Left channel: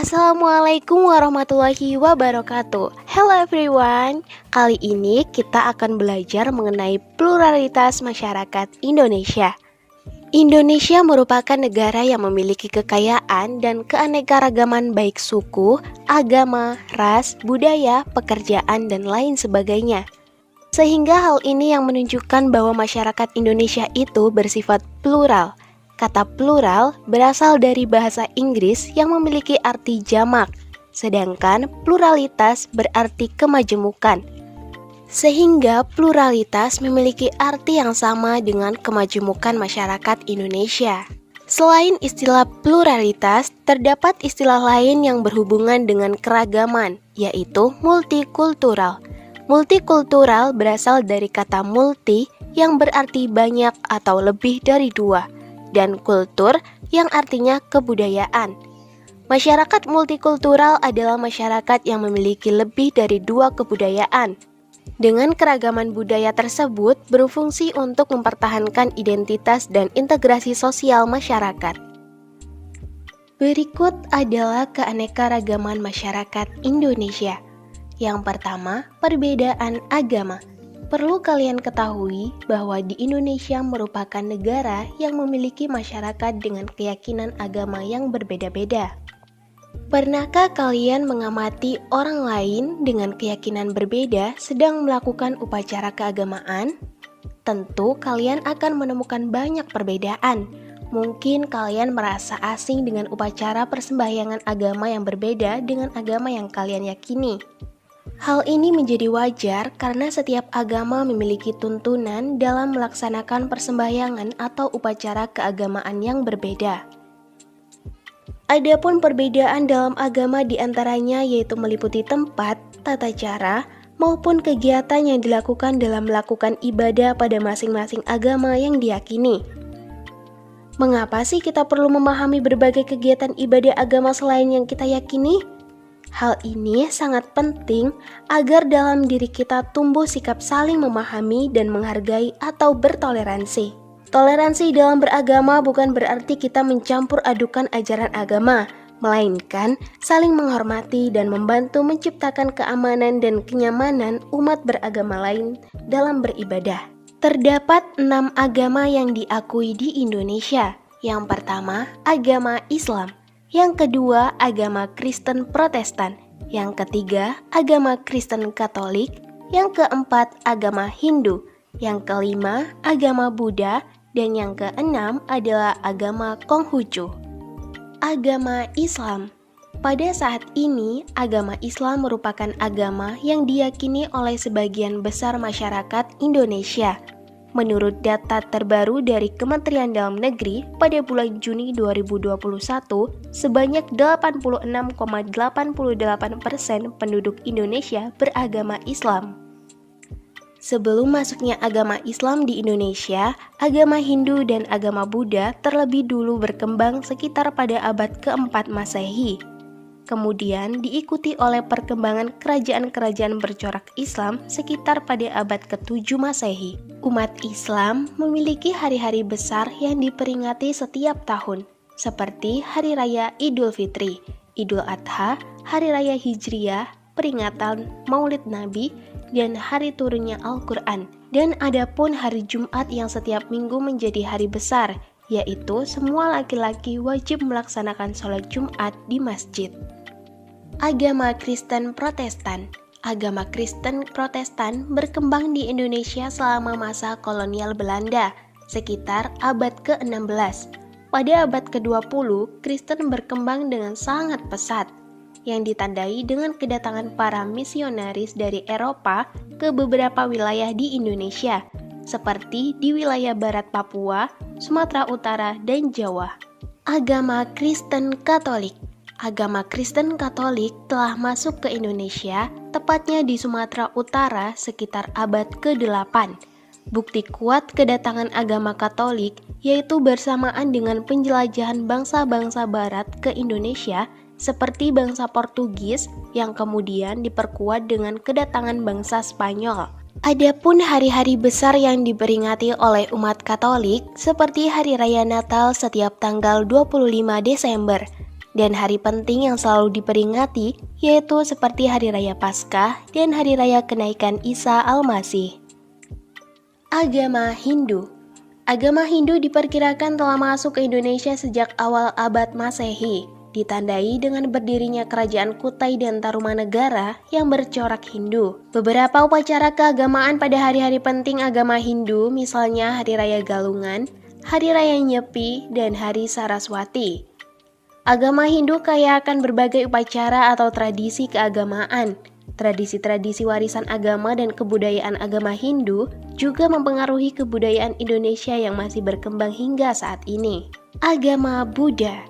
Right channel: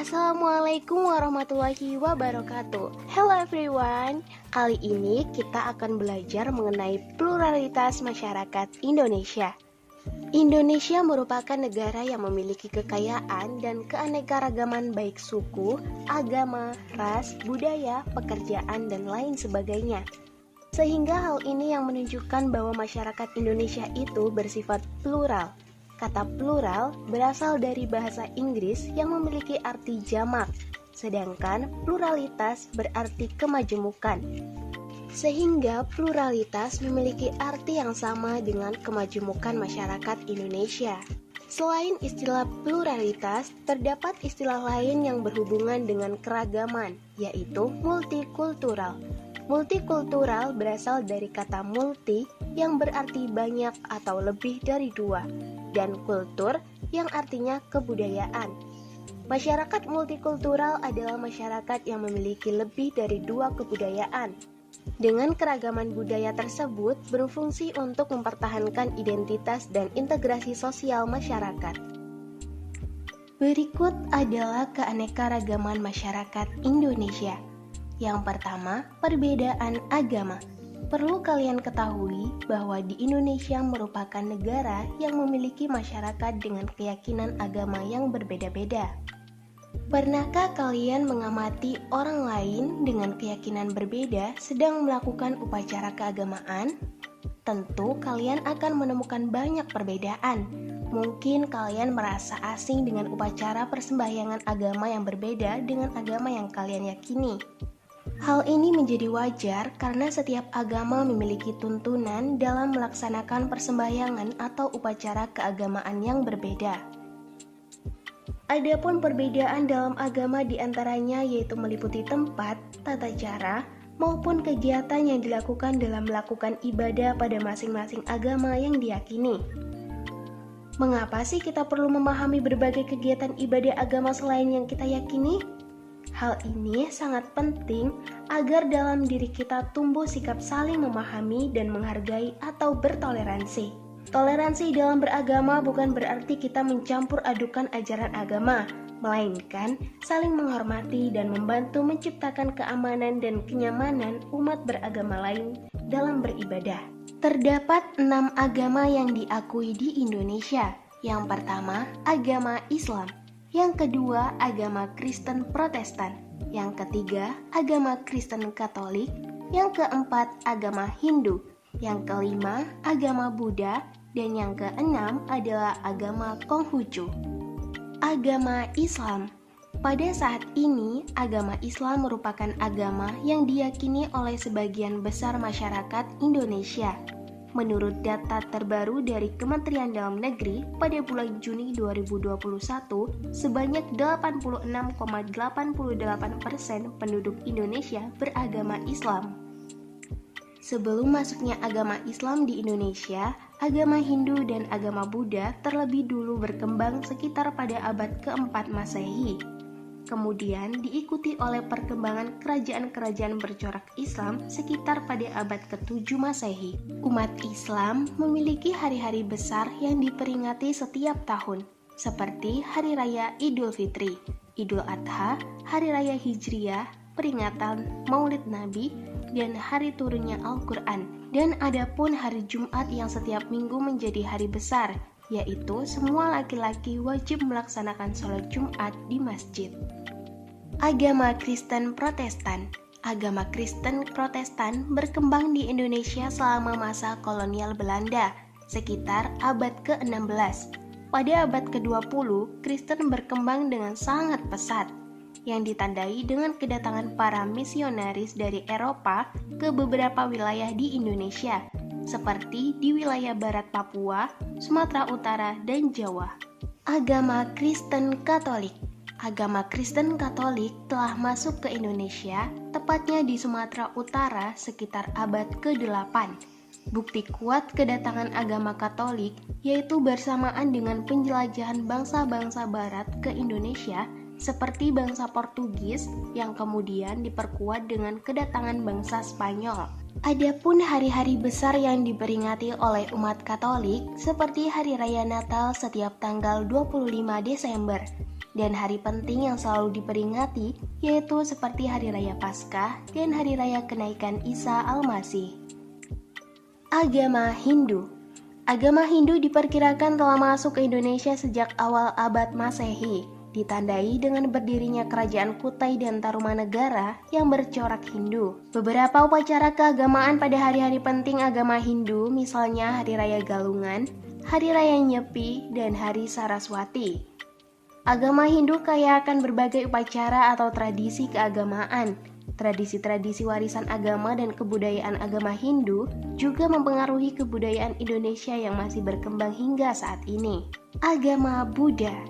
Assalamualaikum warahmatullahi wabarakatuh. Hello everyone. Kali ini kita akan belajar mengenai pluralitas masyarakat Indonesia. Indonesia merupakan negara yang memiliki kekayaan dan keanekaragaman baik suku, agama, ras, budaya, pekerjaan, dan lain sebagainya. Sehingga hal ini yang menunjukkan bahwa masyarakat Indonesia itu bersifat plural. Kata plural berasal dari bahasa Inggris yang memiliki arti jamak, sedangkan pluralitas berarti kemajemukan. Sehingga pluralitas memiliki arti yang sama dengan kemajemukan masyarakat Indonesia. Selain istilah pluralitas, terdapat istilah lain yang berhubungan dengan keragaman, yaitu multikultural. Multikultural berasal dari kata multi yang berarti banyak atau lebih dari dua, dan kultur yang artinya kebudayaan. Masyarakat multikultural adalah masyarakat yang memiliki lebih dari dua kebudayaan. Dengan keragaman budaya tersebut berfungsi untuk mempertahankan identitas dan integrasi sosial masyarakat. Berikut adalah keanekaragaman masyarakat Indonesia. Yang pertama, perbedaan agama. Perlu kalian ketahui bahwa di Indonesia merupakan negara yang memiliki masyarakat dengan keyakinan agama yang berbeda-beda. Pernahkah kalian mengamati orang lain dengan keyakinan berbeda sedang melakukan upacara keagamaan? Tentu kalian akan menemukan banyak perbedaan. Mungkin kalian merasa asing dengan upacara persembahyangan agama yang berbeda dengan agama yang kalian yakini. Hal ini menjadi wajar karena setiap agama memiliki tuntunan dalam melaksanakan persembahyangan atau upacara keagamaan yang berbeda. Adapun perbedaan dalam agama diantaranya yaitu meliputi tempat, tata cara, maupun kegiatan yang dilakukan dalam melakukan ibadah pada masing-masing agama yang diyakini. Mengapa sih kita perlu memahami berbagai kegiatan ibadah agama selain yang kita yakini? Hal ini sangat penting agar dalam diri kita tumbuh sikap saling memahami dan menghargai atau bertoleransi. Toleransi dalam beragama bukan berarti kita mencampur adukan ajaran agama, melainkan saling menghormati dan membantu menciptakan keamanan dan kenyamanan umat beragama lain dalam beribadah. Terdapat 6 agama yang diakui di Indonesia. Yang pertama, agama Islam. Yang kedua, agama Kristen Protestan. Yang ketiga, agama Kristen Katolik. Yang keempat, agama Hindu. Yang kelima, agama Buddha. Dan yang keenam adalah agama Konghucu. Agama Islam. Pada saat ini, agama Islam merupakan agama yang diyakini oleh sebagian besar masyarakat Indonesia. Menurut data terbaru dari Kementerian Dalam Negeri pada bulan Juni 2021, sebanyak 86,88% penduduk Indonesia beragama Islam. Sebelum masuknya agama Islam di Indonesia, agama Hindu dan agama Buddha terlebih dulu berkembang sekitar pada abad keempat Masehi. Kemudian diikuti oleh perkembangan kerajaan-kerajaan bercorak Islam sekitar pada abad ke-7 Masehi. Umat Islam memiliki hari-hari besar yang diperingati setiap tahun, seperti Hari Raya Idul Fitri, Idul Adha, Hari Raya Hijriyah, peringatan Maulid Nabi, dan hari turunnya Al-Quran. Dan adapun hari Jumat yang setiap minggu menjadi hari besar, yaitu semua laki-laki wajib melaksanakan sholat Jumat di masjid. Agama Kristen Protestan. Agama Kristen Protestan berkembang di Indonesia selama masa kolonial Belanda, sekitar abad ke-16. Pada abad ke-20, Kristen berkembang dengan sangat pesat, yang ditandai dengan kedatangan para misionaris dari Eropa ke beberapa wilayah di Indonesia, seperti di wilayah barat Papua, Sumatera Utara, dan Jawa. Agama Kristen Katolik. Agama Kristen Katolik telah masuk ke Indonesia, tepatnya di Sumatera Utara sekitar abad ke-8. Bukti kuat kedatangan agama Katolik yaitu bersamaan dengan penjelajahan bangsa-bangsa barat ke Indonesia, seperti bangsa Portugis yang kemudian diperkuat dengan kedatangan bangsa Spanyol. Adapun hari-hari besar yang diperingati oleh umat Katolik seperti Hari Raya Natal setiap tanggal 25 Desember, Dan hari penting yang selalu diperingati yaitu seperti Hari Raya Paskah dan Hari Raya Kenaikan Isa Al-Masih. Agama Hindu. Agama Hindu diperkirakan telah masuk ke Indonesia sejak awal abad Masehi, ditandai dengan berdirinya kerajaan Kutai dan Tarumanegara yang bercorak Hindu. Beberapa upacara keagamaan pada hari-hari penting agama Hindu, misalnya Hari Raya Galungan, Hari Raya Nyepi, dan Hari Saraswati. Agama Hindu kaya akan berbagai upacara atau tradisi keagamaan. Tradisi-tradisi warisan agama dan kebudayaan agama Hindu juga mempengaruhi kebudayaan Indonesia yang masih berkembang hingga saat ini. Agama Buddha.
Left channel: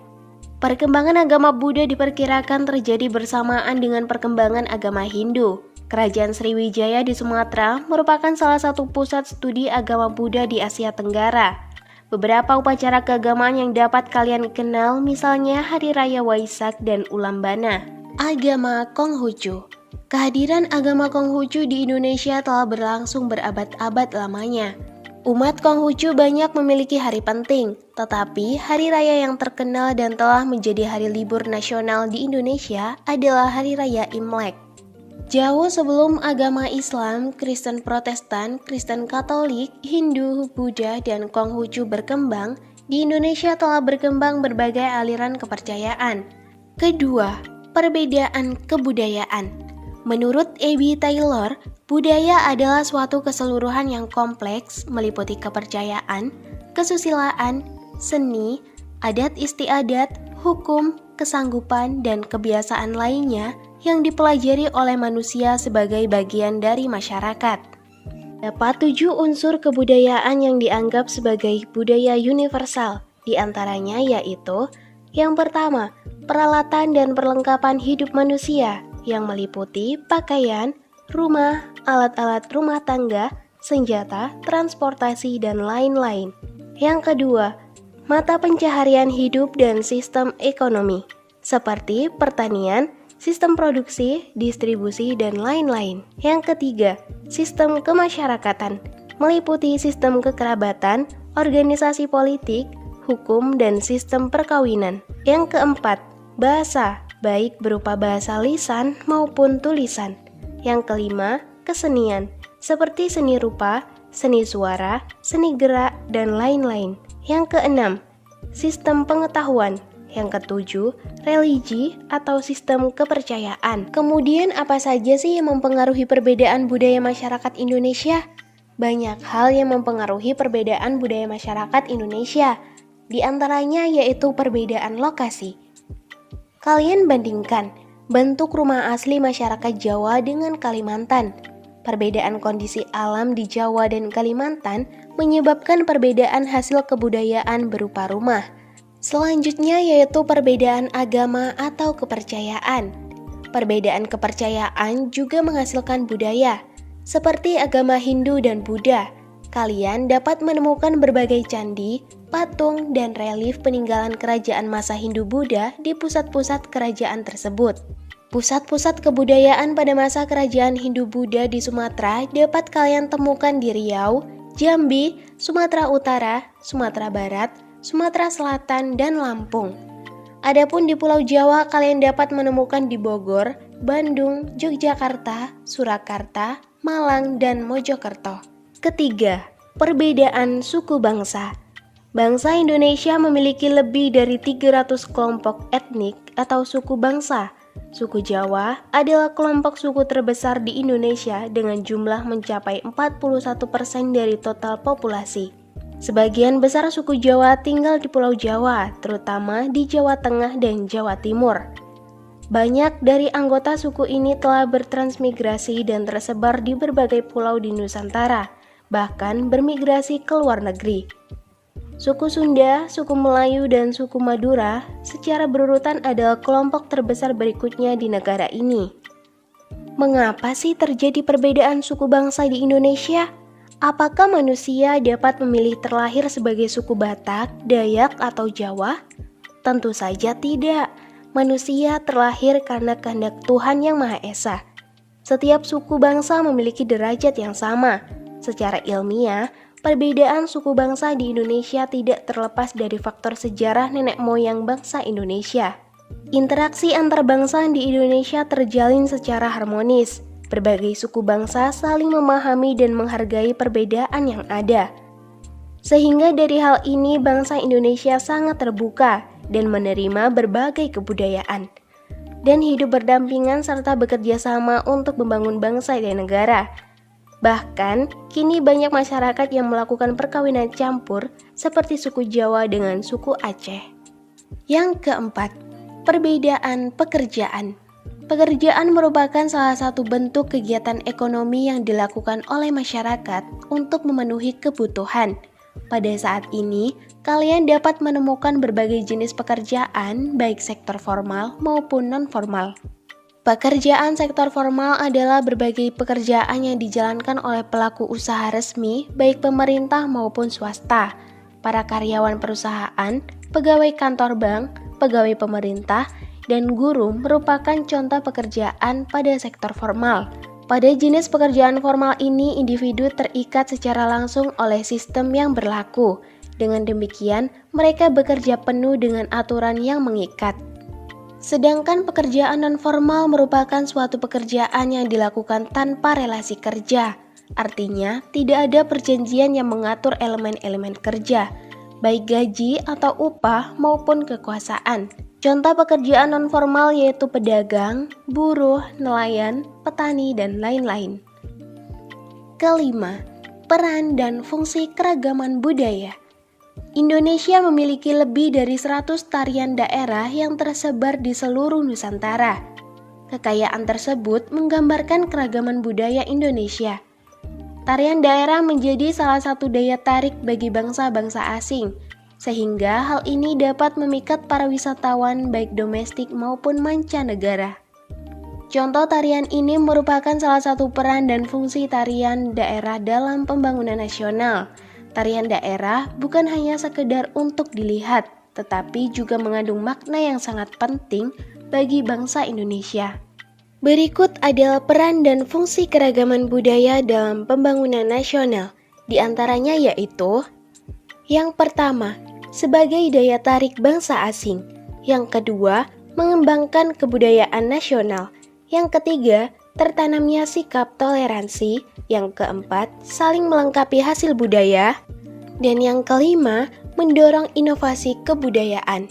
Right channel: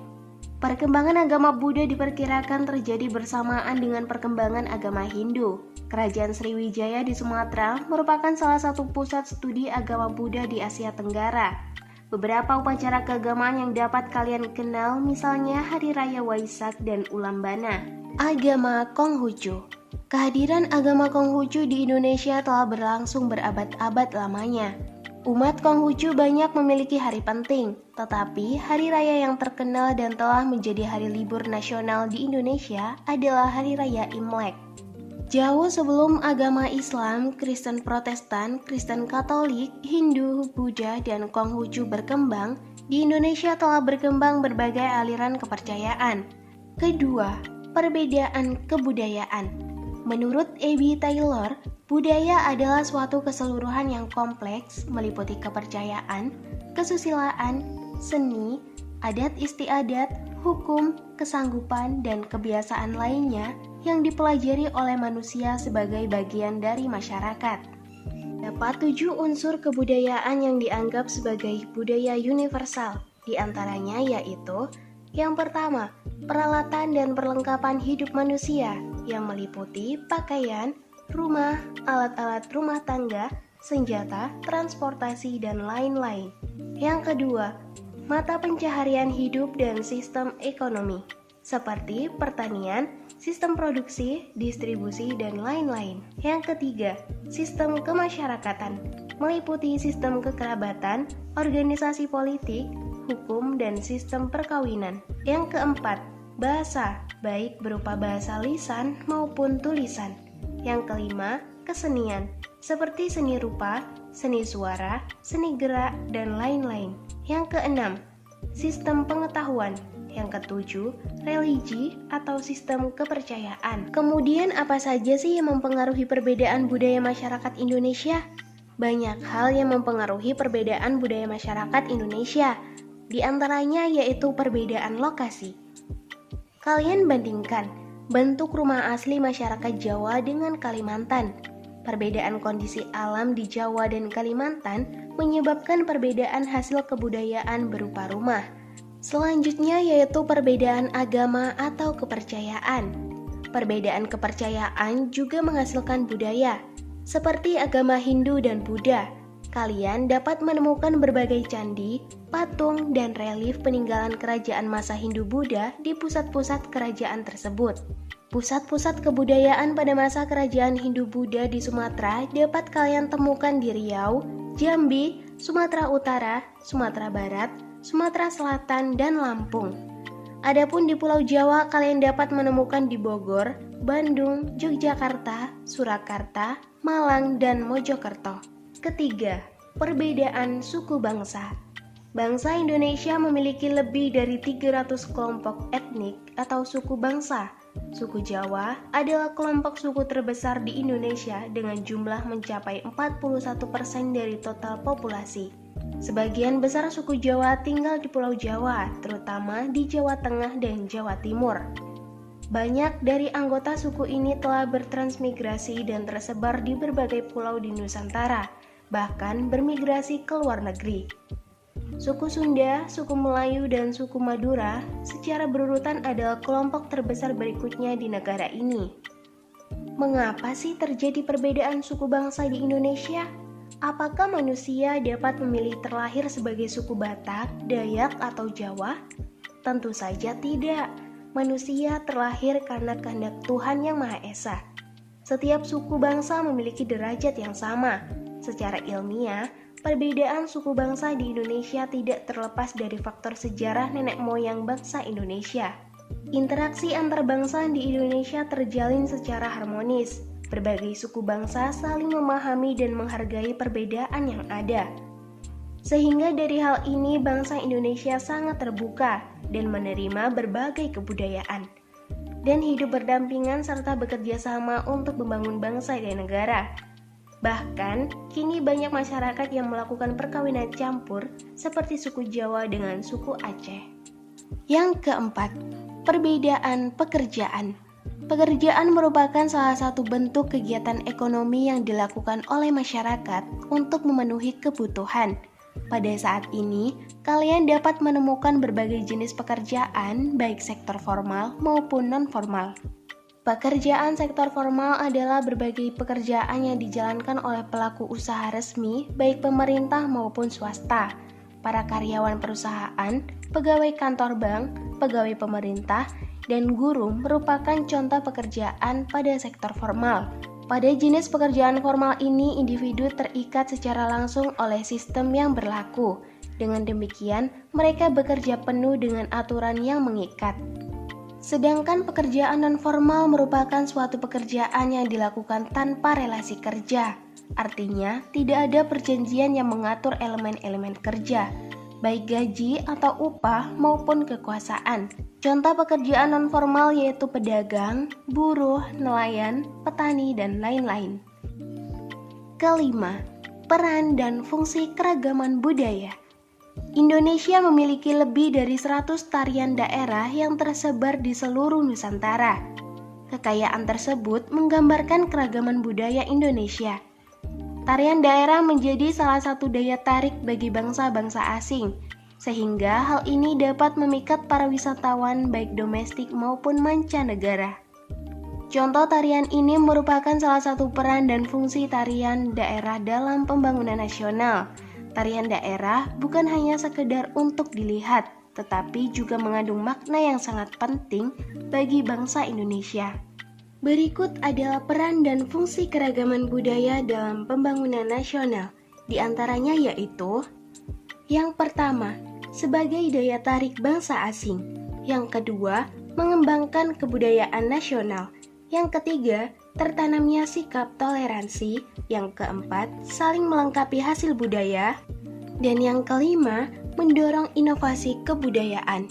Perkembangan agama Buddha diperkirakan terjadi bersamaan dengan perkembangan agama Hindu. Kerajaan Sriwijaya di Sumatera merupakan salah satu pusat studi agama Buddha di Asia Tenggara. Beberapa upacara keagamaan yang dapat kalian kenal misalnya Hari Raya Waisak dan Ulambana. Agama Konghucu. Kehadiran agama Konghucu di Indonesia telah berlangsung berabad-abad lamanya. Umat Konghucu banyak memiliki hari penting, tetapi hari raya yang terkenal dan telah menjadi hari libur nasional di Indonesia adalah Hari Raya Imlek. Jauh sebelum agama Islam, Kristen Protestan, Kristen Katolik, Hindu, Buddha, dan Konghucu berkembang, di Indonesia telah berkembang berbagai aliran kepercayaan. Kedua, perbedaan kebudayaan. Menurut A.B. Taylor, budaya adalah suatu keseluruhan yang kompleks meliputi kepercayaan, kesusilaan, seni, adat istiadat, hukum, kesanggupan, dan kebiasaan lainnya yang dipelajari oleh manusia sebagai bagian dari masyarakat. Dapat 7 unsur kebudayaan yang dianggap sebagai budaya universal, di antaranya yaitu yang pertama, peralatan dan perlengkapan hidup manusia yang meliputi pakaian, rumah, alat-alat rumah tangga, senjata, transportasi, dan lain-lain. Yang kedua, mata pencaharian hidup dan sistem ekonomi, seperti pertanian, sistem produksi, distribusi, dan lain-lain. Yang ketiga, sistem kemasyarakatan, meliputi sistem kekerabatan, organisasi politik, hukum, dan sistem perkawinan. Yang keempat, bahasa, baik berupa bahasa lisan maupun tulisan. Yang kelima, kesenian, seperti seni rupa, seni suara, seni gerak, dan lain-lain. Yang keenam, sistem pengetahuan. Yang ketujuh, religi atau sistem kepercayaan. Kemudian apa saja sih yang mempengaruhi perbedaan budaya masyarakat Indonesia? Banyak hal yang mempengaruhi perbedaan budaya masyarakat Indonesia. Di antaranya yaitu perbedaan lokasi. Kalian bandingkan bentuk rumah asli masyarakat Jawa dengan Kalimantan. Perbedaan kondisi alam di Jawa dan Kalimantan menyebabkan perbedaan hasil kebudayaan berupa rumah. Selanjutnya yaitu perbedaan agama atau kepercayaan. Perbedaan kepercayaan juga menghasilkan budaya, seperti agama Hindu dan Buddha. Kalian dapat menemukan berbagai candi, patung, dan relief peninggalan kerajaan masa Hindu-Buddha di pusat-pusat kerajaan tersebut. Pusat-pusat kebudayaan pada masa kerajaan Hindu-Buddha di Sumatera dapat kalian temukan di Riau, Jambi, Sumatera Utara, Sumatera Barat, Sumatera Selatan, dan Lampung. Adapun di Pulau Jawa kalian dapat menemukan di Bogor, Bandung, Yogyakarta, Surakarta, Malang, dan Mojokerto. Ketiga, perbedaan suku bangsa. Bangsa Indonesia memiliki lebih dari 300 kelompok etnik atau suku bangsa. Suku Jawa adalah kelompok suku terbesar di Indonesia dengan jumlah mencapai 41% dari total populasi. Sebagian besar suku Jawa tinggal di Pulau Jawa, terutama di Jawa Tengah dan Jawa Timur. Banyak dari anggota suku ini telah bertransmigrasi dan tersebar di berbagai pulau di Nusantara, bahkan bermigrasi ke luar negeri. Suku Sunda, suku Melayu, dan suku Madura secara berurutan adalah kelompok terbesar berikutnya di negara ini. Mengapa sih terjadi perbedaan suku bangsa di Indonesia? Apakah manusia dapat memilih terlahir sebagai suku Batak, Dayak, atau Jawa? Tentu saja tidak. Manusia terlahir karena kehendak Tuhan Yang Maha Esa. Setiap suku bangsa memiliki derajat yang sama. Secara ilmiah, perbedaan suku bangsa di Indonesia tidak terlepas dari faktor sejarah nenek moyang bangsa Indonesia. Interaksi antar bangsa di Indonesia terjalin secara harmonis. Berbagai suku bangsa saling memahami dan menghargai perbedaan yang ada. Sehingga dari hal ini bangsa Indonesia sangat terbuka dan menerima berbagai kebudayaan dan hidup berdampingan serta bekerja sama untuk membangun bangsa dan negara. Bahkan, kini banyak masyarakat yang melakukan perkawinan campur seperti suku Jawa dengan suku Aceh. Yang keempat, perbedaan pekerjaan. Pekerjaan merupakan salah satu bentuk kegiatan ekonomi yang dilakukan oleh masyarakat untuk memenuhi kebutuhan. Pada saat ini, kalian dapat menemukan berbagai jenis pekerjaan, baik sektor formal maupun non-formal. Pekerjaan sektor formal adalah berbagai pekerjaan yang dijalankan oleh pelaku usaha resmi, baik pemerintah maupun swasta, para karyawan perusahaan, pegawai kantor bank, pegawai pemerintah, dan guru merupakan contoh pekerjaan pada sektor formal. Pada jenis pekerjaan formal ini, individu terikat secara langsung oleh sistem yang berlaku. Dengan demikian, mereka bekerja penuh dengan aturan yang mengikat. Sedangkan pekerjaan non-formal merupakan suatu pekerjaan yang dilakukan tanpa relasi kerja. Artinya, tidak ada perjanjian yang mengatur elemen-elemen kerja, baik gaji atau upah maupun kekuasaan. Contoh pekerjaan non-formal yaitu pedagang, buruh, nelayan, petani, dan lain-lain. Kelima, peran dan fungsi keragaman budaya. Indonesia memiliki lebih dari 100 tarian daerah yang tersebar di seluruh Nusantara. Kekayaan tersebut menggambarkan keragaman budaya Indonesia. Tarian daerah menjadi salah satu daya tarik bagi bangsa-bangsa asing, sehingga hal ini dapat memikat para wisatawan baik domestik maupun mancanegara. Contoh tarian ini merupakan salah satu peran dan fungsi tarian daerah dalam pembangunan nasional. Tarian daerah bukan hanya sekedar untuk dilihat, tetapi juga mengandung makna yang sangat penting bagi bangsa Indonesia. Berikut adalah peran dan fungsi keragaman budaya dalam pembangunan nasional. Di antaranya yaitu: yang pertama, sebagai daya tarik bangsa asing. Yang kedua, mengembangkan kebudayaan nasional. Yang ketiga, tertanamnya sikap toleransi. Yang keempat, saling melengkapi hasil budaya. Dan yang kelima, mendorong inovasi kebudayaan.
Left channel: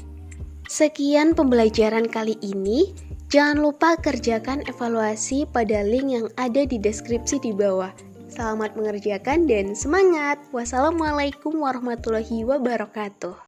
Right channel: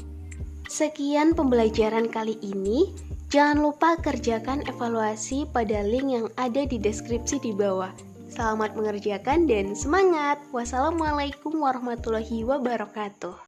Sekian pembelajaran kali ini. Jangan lupa kerjakan evaluasi pada link yang ada di deskripsi di bawah. Selamat mengerjakan dan semangat. Wassalamualaikum warahmatullahi wabarakatuh.